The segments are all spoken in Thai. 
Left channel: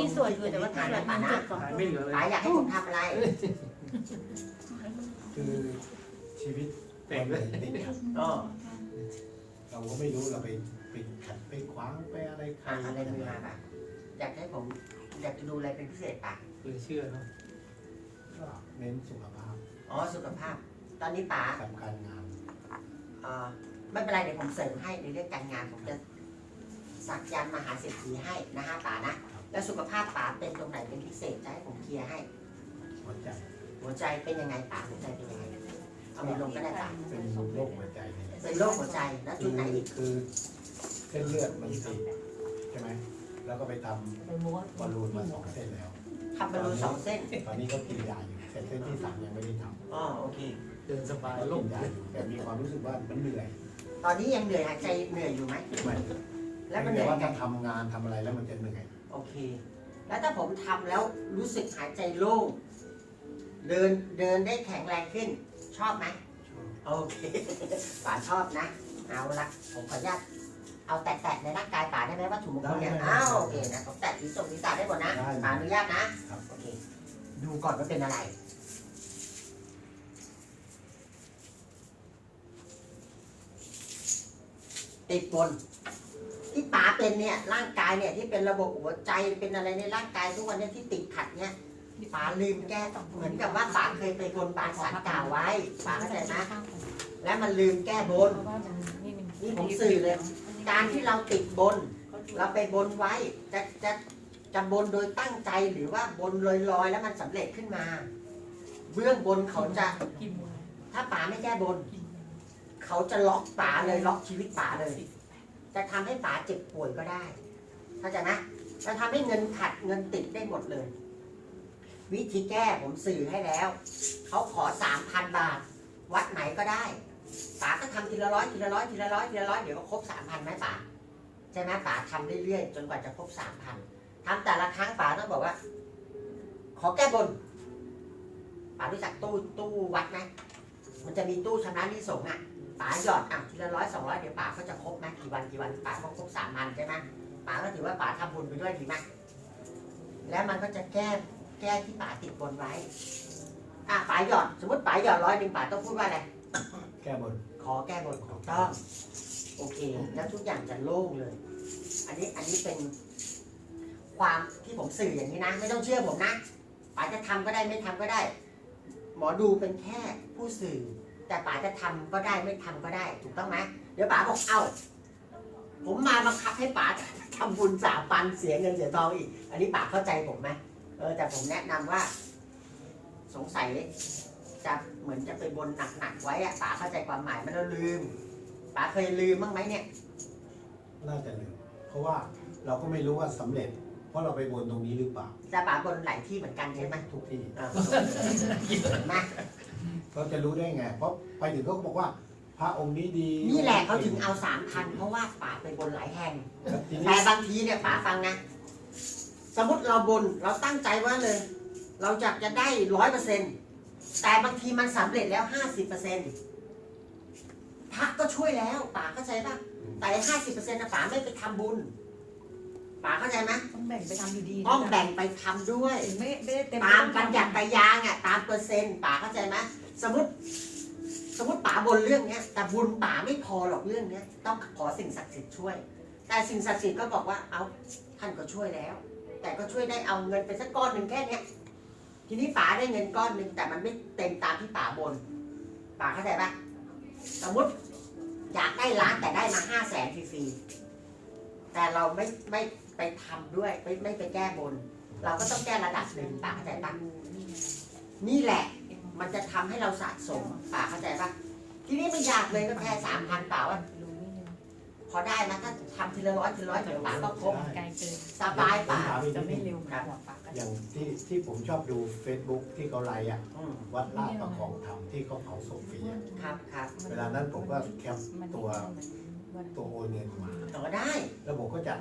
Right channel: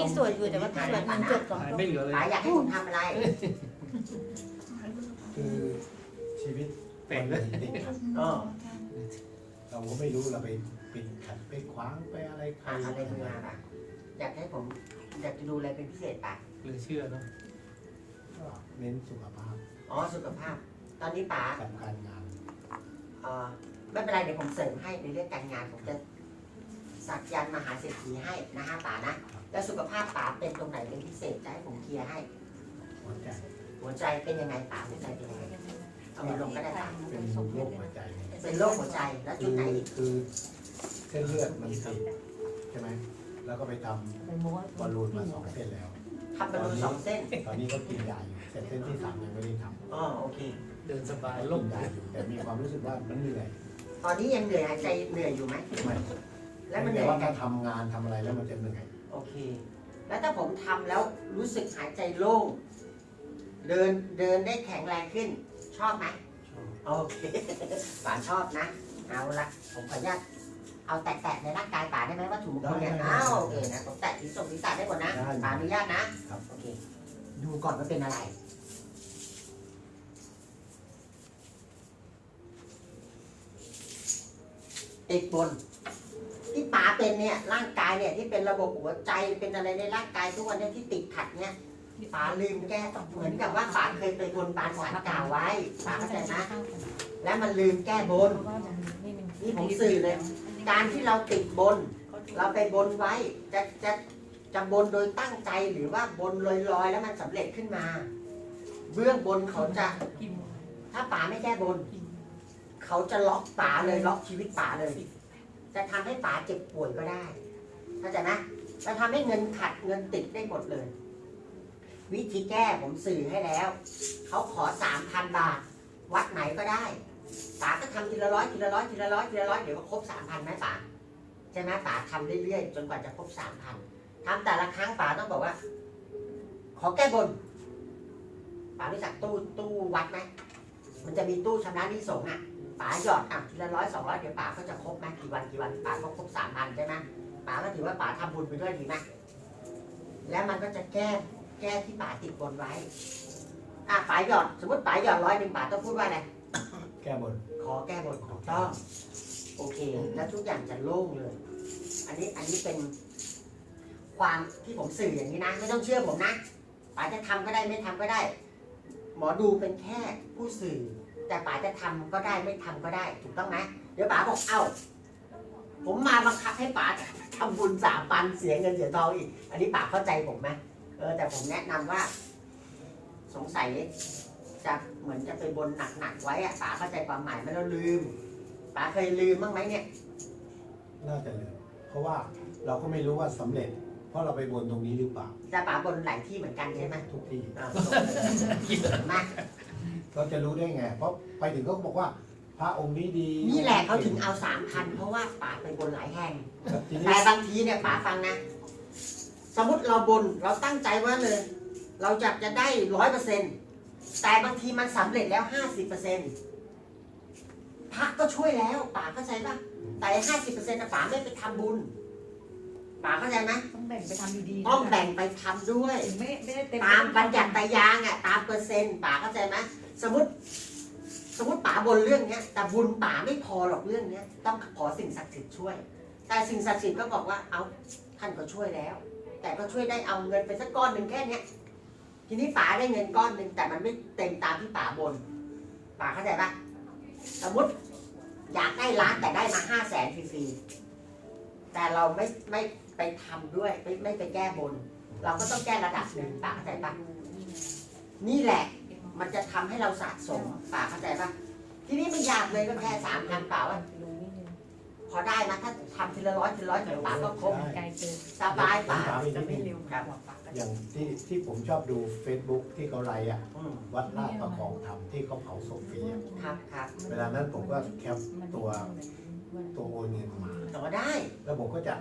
ที่สวยอยู่แต่ว่าที่สวยมันเจ็บสองหายตัวไม่เหลือเลยป๋าอยากให้ผมทำอะไร คือชีวิตเป็วันนเลหยนึ่งเนี่ยก็เราก็ไม่รู้เราไปไปขัดไปขวางไปอะไรใครอะอะไรมือมาป่ะอยากให้ผมอยากจะดูอะไรเป็นพิเศษป่ะเหลือเชื่อเนอะก็เน้นสุขภาพอ๋อสุขภาพ ตอนนี้ป๋ากับการงานเอ่อไม่เป็นไรเดี๋ยวผมเสริมให้ในเรื่องการงานผมจะสักยันต์มหาเศรษฐีให้นะฮะป๋านะ แล้วสุขภาพป๋าเป็นตรงไหนเป็นพิเศษจะให้ผมเคลียร์ให้ หัวใจหัวใจเป็นยังไงป๋าหัวใจเป็นยังไงเอามือลงก็ได้ป๋าเป็นโรคหัวใจเนี่ยเป็นโรคหัวใจแล้วคืจุดอไหนอีกคือเส้นเลือดมันติดใช่ไหมแล้วก็ไปทำบอลลูนมาสองเส้นแล้ว ทำบอลลูนสองเส้นตอนนี้ก็กินยาอยู่แต่เส้นที่สามยังไม่ได้ทำอ๋อโอเค เดินสบายกิโล่งนยาอยู่แต่มีความรู้สึกว่ามันเหนื่อยตอนนี้ยังเหนื่อยหายใจเหนื่อยอยู่ไหมไม่แล้วมันเหแต่นื่อยว่าไงถ้าทำงานทำอะไรแล้วมันจะเหนื่อยโอ เค แล้วถ้าผมทำแล้วรู้สึกหายใจโล่ง เดินเดินได้แข็งแรงขึ้น ชอบไหมโอเคป๋าชอบนะ เอาละผมขออนุญาตเอาแตะๆในร่างกายป๋าได้ไหมว่าถูกมงคลเนี่ยอ้าวโอเคนะผมแตะที่ตรงนี้ตาได้หมดนะป๋าอนุญาตนะครับโอเค ดูก่อนว่าเป็นอะไรติดบน ที่ป๋าเป็นเนี่ยร่างกายเนี่ยที่เป็นระบบหัวใจเป็นอะไรในร่างกายทุกวันเนี่ยที่ติดขัดเนี่ยป๋าลืมแก้เหมือนกับว่าป๋าเคยไปบนบานสารกล่าวไว้ป๋าเข้าใจไหมและมันลืมแก้บนนี่ผมสื่อเลย การที่เราติดบน เราไปบนไว้จะจะจะบนโดยตั้งใจหรือว่าบนลอยๆ แล้วมันสำเร็จขึ้นมา เบื้องบนเขาจะถ้าป๋าไม่แก้บน เขาจะล็อกป๋าเลยล็อกชีวิตป๋าเลย จะทำให้ป๋าเจ็บป่วยก็ได้เข้าใจไหมจะทำให้เงินขัดเงินติดได้หมดเลย วิธีแก้ผมสื่อให้แล้ว เขาขอสามพันบาท วัดไหนก็ได้ป๋าก็ทำทีละร้อยทีละร้อยทีละร้อยทีละร้อยเดี๋ยวก็ครบสามพันไหมป๋าใช่ไหมป๋าทำเรื่อยๆ จนกว่าจะครบสามพันทำแต่ละครั้งป๋าต้องบอกว่า ขอแก้บนป๋ารู้จักตู้ตู้วัดไหมมันจะมีตู้ชำระหนี้สงฆ์อะ ป๋าหยอดอะทีละร้อยสองร้อยเดี๋ยวป๋าก็จะครบไหมกี่วันกี่วันป๋าก็ครบสามพันใช่ไหมป๋าก็ถือว่าป๋าทำบุญไปด้วยดีไหมแล้วมันก็จะแก้แก้ที่ป๋าติดบนไว้ อะป๋าหยอด สมมติป๋าหยอดร้อยหนึ่งป๋าต้องพูดว่าอะไร แก้บน ขอแก้บนถูกต้อง โอเค แล้วทุกอย่างจะโล่งเลย อันนี้อันนี้เป็นความที่ผมสื่ออย่างนี้นะ ไม่ต้องเชื่อผมนะป๋าจะทำก็ได้ไม่ทำก็ได้ หมอดูเป็นแค่ผู้สื่อ แต่ป๋าจะทำก็ได้ไม่ทำก็ได้ ถูกต้องไหมเดี๋ยวป๋าบอกเอ้าผมมาบังคับให้ป๋าทำบุญสามปันเสียเงินเสียทองอีก อันนี้ป๋าเข้าใจผมไหมเออแต่ผมแนะนำว่า สงสัยจะเหมือนจะไปบนหนักๆไว้อะป๋าเข้าใจความหมายไหมันแล้วลืมป๋าเคยลืมบ้างไหมเนี่ย น่าจะลืมเพราะว่าเราก็ไม่รู้ว่าสำเร็จ เพราะเราไปบนตรงนี้หรือเปล่าแต่ป๋าบนหลายที่เหมือนกันใช่ไหมทุกที่อ่ามา เราจะรู้ได้ไง เพราะไปถึงก็บอกว่า พระองค์นี้ดีนี่แหละเขาถึงเอาสามพันเพราะว่าป๋าไปบนหลายแห่งครับทีนี้แต่บางทีเนี่ยป๋าฟังนะ สมมติเราบนเราตั้งใจว่าเลย เราอยากจะได้ร้อยเปอร์เซ็นแต่บางทีมันสำเร็จแล้วห้าสิบเปอร์เซ็นพระก็ช่วยแล้วป๋าเข้าใจป่ะแต่ห้าสิบเปอร์เซ็นต์ป๋าไม่ไปทำบุญป๋าเข้าใจไหมต้องแบ่งไปทำดีๆต้องแบ่งไปทำด้วยไม่ไม่ได้เต็มตามบัญญัติตายางอะตามเปอร์เซ็นต์ป๋าเข้าใจไหม สมมติสมมติป๋าบนเรื่องเนี้ย แต่บุญป๋าไม่พอหรอกเรื่องเนี้ย ต้องขอสิ่งศักดิ์สิทธิ์ช่วย แต่สิ่งศักดิ์สิทธิ์ก็บอกว่าเอาท่านก็ช่วยแล้ว แต่ก็ช่วยได้เอาเงินไปสักก้อนหนึ่งแค่เนี้ยทีนี้ป๋าได้เงินก้อนหนึ่งแต่มันไม่เต็มตามที่ป๋าบนป๋าเข้าใจปะสมมติอยากได้ล้านแต่ได้มาห้าแสนฟรีๆแต่เราไม่ไม่ไปทำด้วยไม่ไม่ไปแก้บน เราก็ต้องแก้ระดับหนึ่งป๋าเข้าใจปะนี่แหละ มันจะทำให้เราสะสมป๋าเข้าใจปะทีนี้ไม่ยากเลยก็แค่สามพันป๋าว่าพอได้นะถ้าทำทีละร้อยทีละร้อยเดี๋ยวป๋าก็ครบไกลเกินสบายป๋าผมถามอีกจะนิดไม่นึงเร็วเหมือนหัวปลาก็อย่างที่ที่ผมชอบดู Facebook ที่เขาไลฟ์อะ อืมวัดลาดประคองธรรมที่เขาเผาศพฟรีอะครับครับเวลานั้นผมก็แคปตัวตัวโอนเงินมา ต่อได้ แล้วผมก็จะ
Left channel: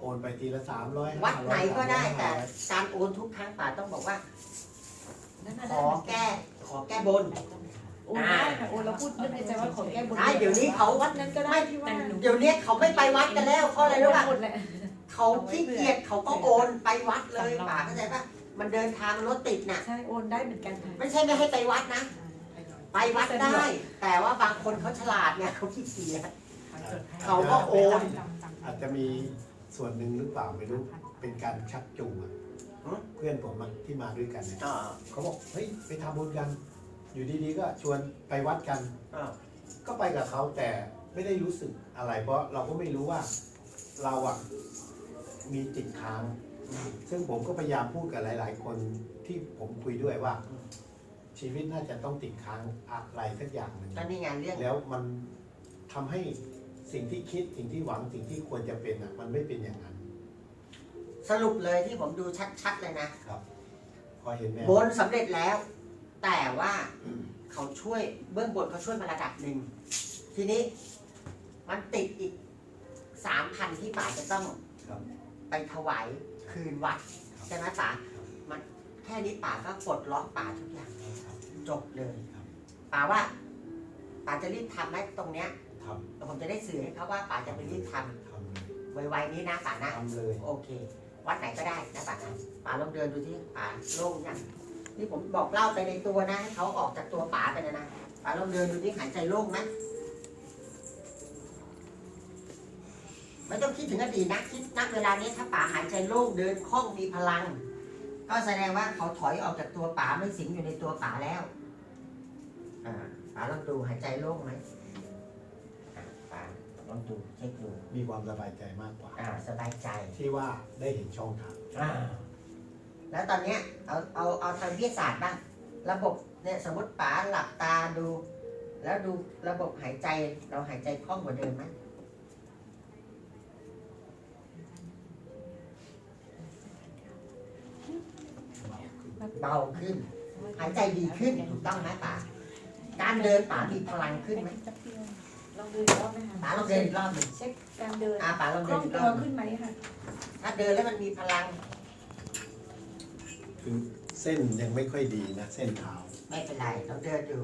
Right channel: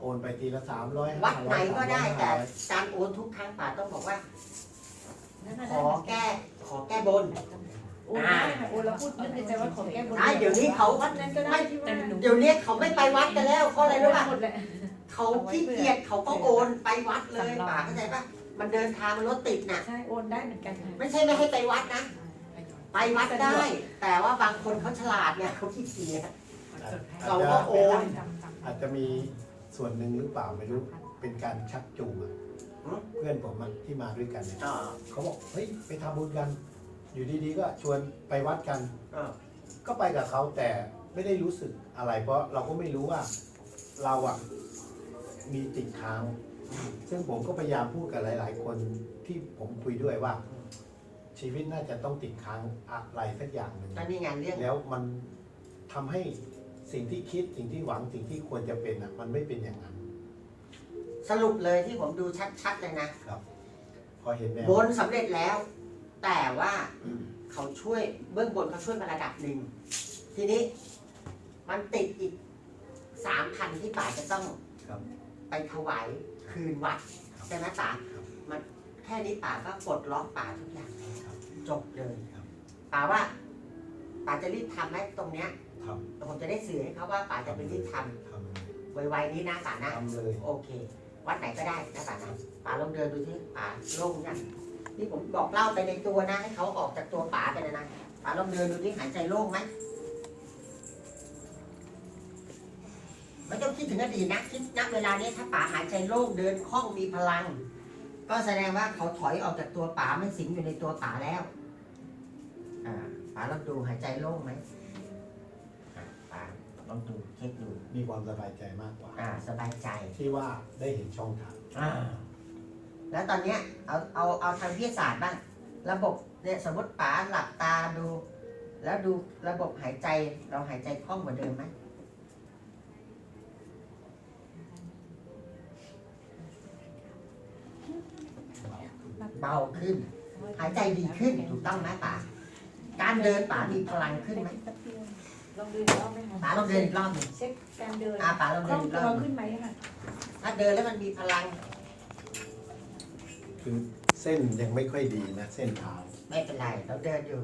โอนไปทีละสามร้อยวัดไหนก็ได้แต่การโอนทุกครั้งป๋าต้องบอกว่า ขอแก้ขอแก้บนโอ้โอ้เราพูดนึกในใจว่าขอแก้บนใช่เดี๋ยวนี้เขาวัดนั้นก็ได้ที่ว่าเดี๋ยวนี้เขาไม่ไปวัดกันแล้วเพราะอะไรรู้ป่ะหมดแหละเเขาขี้เกียจเขาก็โอนไปวัดเลยป่าเข้าใจปะมันเดินทางรถติดน่ะใช่โอนได้เหมือนกันค่ะไม่ใช่ไม่ให้ไปวัดนะ ไปวัดได้ แต่ว่าบางคนเขาฉลาดเนี่ยเขาขี้เกียจเขาก็โอน อาจจะมีส่วนหนึ่งหรือเปล่าไม่รู้เป็นการชักจูงอะเพื่อนผมอะที่มาด้วยกันเนี่ยอ่าเขาบอกเฮ้ยไปทำบุญกัน อยู่ดีๆ ก็ชวนไปวัดกันอ่าก็ไปกับเขาแต่ไม่ได้รู้สึกอะไร เพราะเราก็ไม่รู้ว่าเราอะมีติดค้าง ซึ่งผมก็พยายามพูดกับหลาย ๆ คนที่ผมคุยด้วยว่า ชีวิตน่าจะต้องติดค้างอะไรสักอย่างหนึ่งก็นี่ไงเรื่องแล้วมันทำให้สิ่งที่คิดสิ่งที่หวังสิ่งที่ควรจะเป็นอะมันไม่เป็นอย่างนั้น สรุปเลยที่ผมดูชัดๆเลยนะพอเห็นไหมบนสำเร็จแล้ว แต่ว่าเขาช่วยเบื้องบนเขาช่วยมาระดับหนึ่ง ทีนี้มันติดอีกสามพันที่ป่าจะต้องครับ ไปถวายคืนวัดครับ ใช่ไหมป่าครับมันแค่นี้ป่าก็ปลดล็อกป่าทุกอย่างแล้ว ครับจบเลยครับ ป่าว่าป่าจะรีบทำไหมตรงเนี้ยทแต่ผมจะได้สื่อให้เขาว่าป่าจะไปรีบทำทำเลยำไวๆนี้นะป่านะ ทำเลยโอเค วัดไหนก็ได้นะป่านะป่าลองเดินดูที่ป่าโล่งยังที่ผมบอกเล่าไปในตัวนะให้เขาออกจากตัวป่าไปนะนะป่าลองเดินดูที่หายใจโล่งไหมไม่ต้องคิดถึงอดีตนะคิดณเวลานี้ถ้าป่าหายใจโล่งเดินคล่องมีพลัง ก็แสดงว่าเขาถอยออกจากตัวป่าไม่สิงอยู่ในตัวป่าแล้วอ่าป่าลองดูหายใจโล่งไหม ลองดูเช็คดูมีความสบายใจมากกว่า อ่าสบายใจที่ว่าได้เห็นช่องทางอ่าแล้วตอนเนี้ยเอาเอาเอาทางวิทยาศาสตร์บ้างระบบเนี่ยสมมติป๋าหลับตาดู แล้วดูระบบหายใจเราหายใจคล่องกว่าเดิมไหมเบาขึ้น หายใจดีขึ้นถูกต้องไหมป๋าการเดินป๋ามีพลังขึ้นไหม ลองดูอีกรอบไหมคะป๋าลองเดินอีกรอบหนึ่งเช็คการเดินอ่าป๋าลองคเดิล่นองอีกรตัอวบหนึ่งขึ้นไหมค่ะถ้าเดินแล้วมันมีพลังคือเส้นยังไม่ค่อยดีนะ เส้นเท้าไม่เป็นไรเราเดินอยู่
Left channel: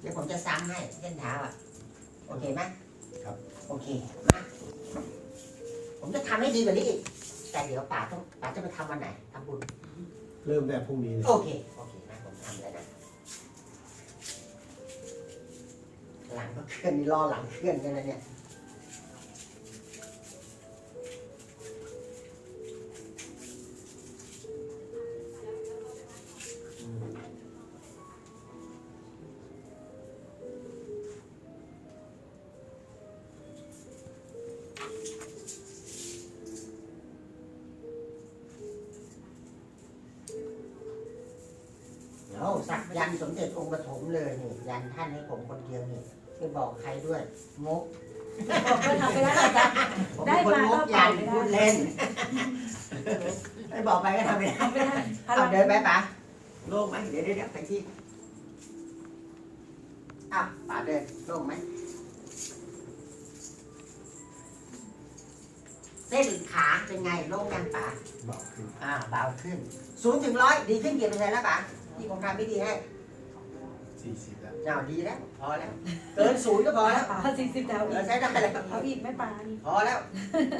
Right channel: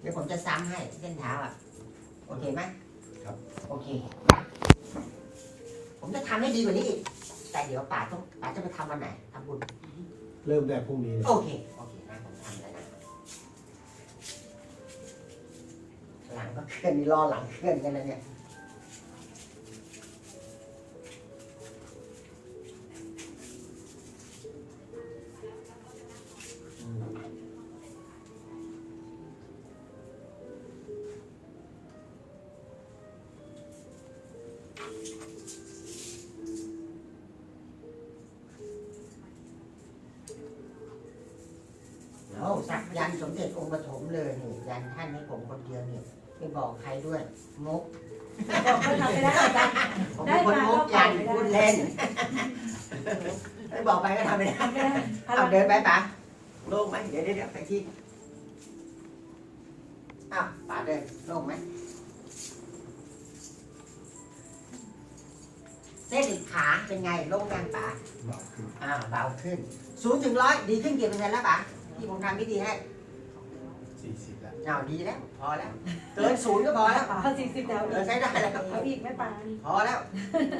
เดี๋ยวผมจะซ้ำให้เส้นเท้าอะโอเคไหมครับ โอเคมาผมจะทำให้ดีกว่านี้อีกแต่เดี๋ยวป๋าต้องป๋าจะไปทำวันไหนทำบุญ เริ่มแต่พรุ่งนี้เลยโอเคโอเคนะผมทำแล้วนะ หลังก็เคลื่อนนี่ล่อหลังเคลื่อนกันนะเนี่ย ยันต์สมเด็จองค์ปฐมเลยนี่ยันท่านให้ผมคนเดียวนี่ไม่บอกใครด้วยงกบอกเลยค่ะไม่ได้อาจารย์ผมเป็นคนงกยันพูดเล่นไม่บอกไปก็ทำไม่ได้ทำไม่ได้เอาเดินไปปะโล่งไหมเดี๋ยวเดี๋ยวเดี๋ยวไปที่อะป๋าเดินโล่งไหมเส้นขาเป็นไงโล่งยังป๋าเบาขึ้น อ่าเบาขึ้นศูนย์ถึงร้อยดีขึ้นกี่เปอร์เซ็นต์แล้วป๋าที่ผมทำไม่ดีให้ สี่สิบแล้วเอาดีแล้วพอแล้ว เกินศูนย์ก็พอแล้ว ถ้าสี่สิบแล้วเออใช้ได้แล้วเขาอีกไม่ปานพอแล้ว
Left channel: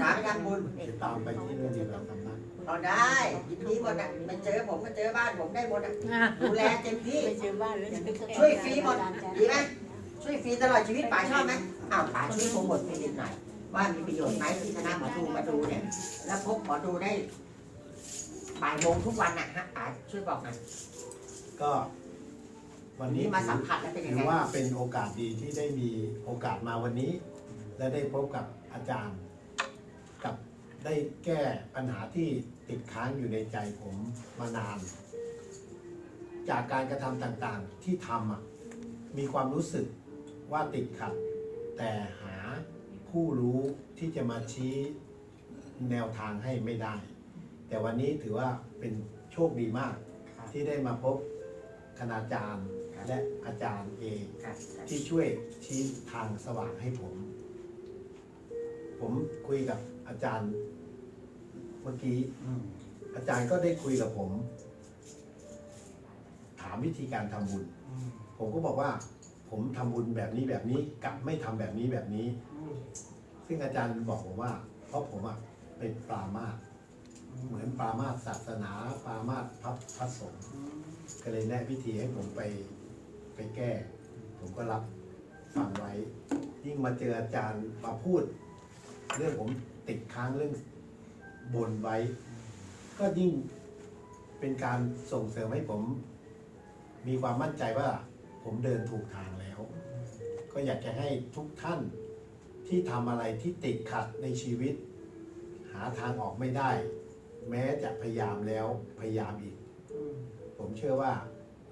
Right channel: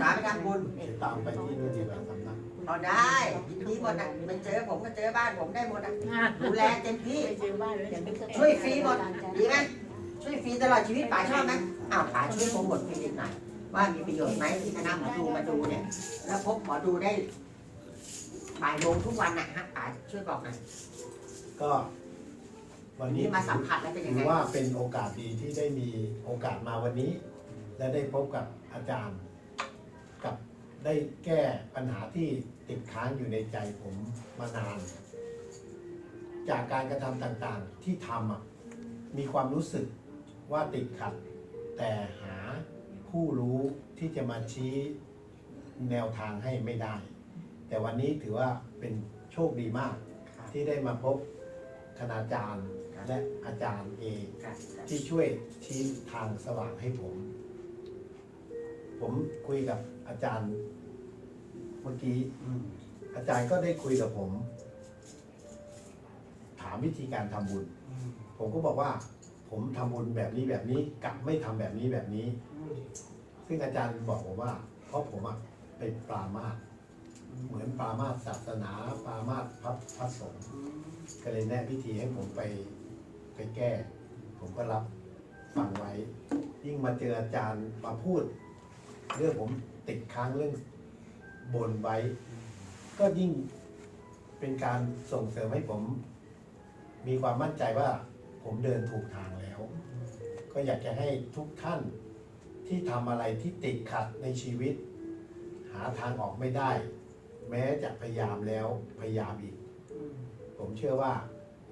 ป๋าไปทำบุญจะตามไปที่นู่นดีกว่าทำนักพอได้ยินดีหมดนะมันเจอผมมาเจอบ้านผมได้หมดนะดูแลเต็มที่ช่วยฟรีหมดดีไหมช่วยฟรีตลอดชีวิตป๋าชอบไหมอ้าวป๋าช่วยโปรโมทคลินิกหน่อยว่ามีประโยชน์ไหมที่คณะหมอดูมาดูเนี่ย แล้วพบหมอดูได้บ่ายโมงทุกวันนะฮะป๋าช่วยบอกหน่อยก็ วันวันนี้นี้มาสัมผัสแล้วเป็นยัถืงอไงว่าเป็นโอกาสดีที่ได้มีโอกาสมาวันนี้ และได้พบกับอาจารย์ กับได้แก้ปัญหาที่ติดค้างอยู่ในใจผมมานาน จากการกระทำต่างๆที่ทำอะมีความรู้สึกว่าติดขัด แต่หาผู้รู้ที่จะมาชี้แนวทางให้ไม่ได้ แต่วันนี้ถือว่าเป็นโชคดีมาก ที่ได้มาพบคณาจารย์ และอาจารย์เองครับที่ช่วยชี้ทางสว่างให้ผม ผมคุยกับอาจารย์ เมื่อกี้ อืมอาจารย์ก็ได้คุยกับผม ถามวิธีการทำบุญ อืมผมก็บอกว่า ผมทำบุญแบบนี้แบบนี้กับไม่ทำแบบนี้แบบนี้ อืมซึ่งอาจารย์บอกผมว่า เพราะผมอะเป็นปรามาสเหมือนปรามาสศาสนา ปรามาสพระพระสงฆ์อืมก็เลยแนะวิธีให้ผมไป ไปแก้ ผมก็รับฟังไว้ ยิ่งมาเจออาจารย์มาพูด เรื่องผมติดค้างเรื่องบนไว้ ก็ยิ่งเป็นการส่งเสริมให้ผม มีความมั่นใจว่าผมเดินถูกทางแล้ว ก็อยากจะให้ทุกท่านที่ทำอะไรที่ติดขัดในชีวิต หาทางออกไม่ได้ แม้จะพยายามแล้วพยายามอีก ผมเชื่อว่า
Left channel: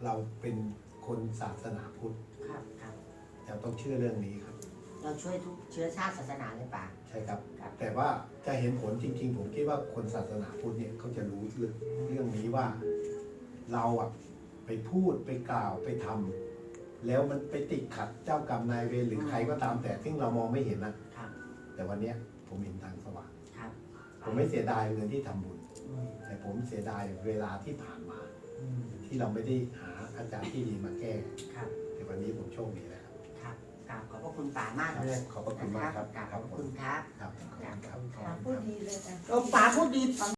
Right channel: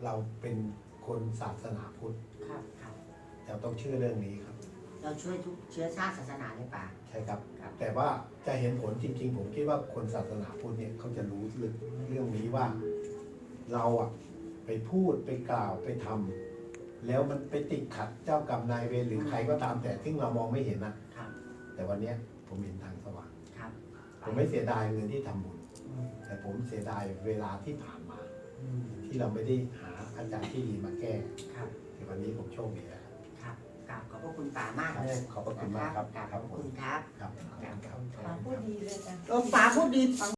เราเป็น คนศาสนาพุทธครับครับ เราต้องเชื่อเรื่องนี้ครับ เราช่วยทุกเชื้อชาติศาสนาเลยป่าใช่ครับ ครับ แต่ว่าจะเห็นผลจริง ๆ ผมคิดว่าคนศาสนาพุทธเนี่ยเขาจะรู้เรื่องเรื่องนี้ว่า เราอะไปพูดไปกล่าวไปทำแล้วมันไปติดขัดเจ้ากรรมนายเวรหรือใครก็ตามแต่ซึ่งเรามองไม่เห็นนะครับ แต่วันเนี้ยผมเห็นทางสว่าง ครับผมไม่เสียดายเงินที่ทำบุญ อืมแต่ผมเสียดายเวลาที่ผ่านมา อืมที่เราไม่ได้หา อาจารย์ที่ดีมาแก้ครับ แต่วันนี้ผมโชคดีแล้วครับ ครับกราบขอบพระคุณป่ามากเลยขอบพระคุณมากครับกราบคขรัอบบพระผมคุณครับครับขอบกราคุบณขคอบรับคุณครับ พูดดีเลยจ้ะโอ้ป่าพูดดี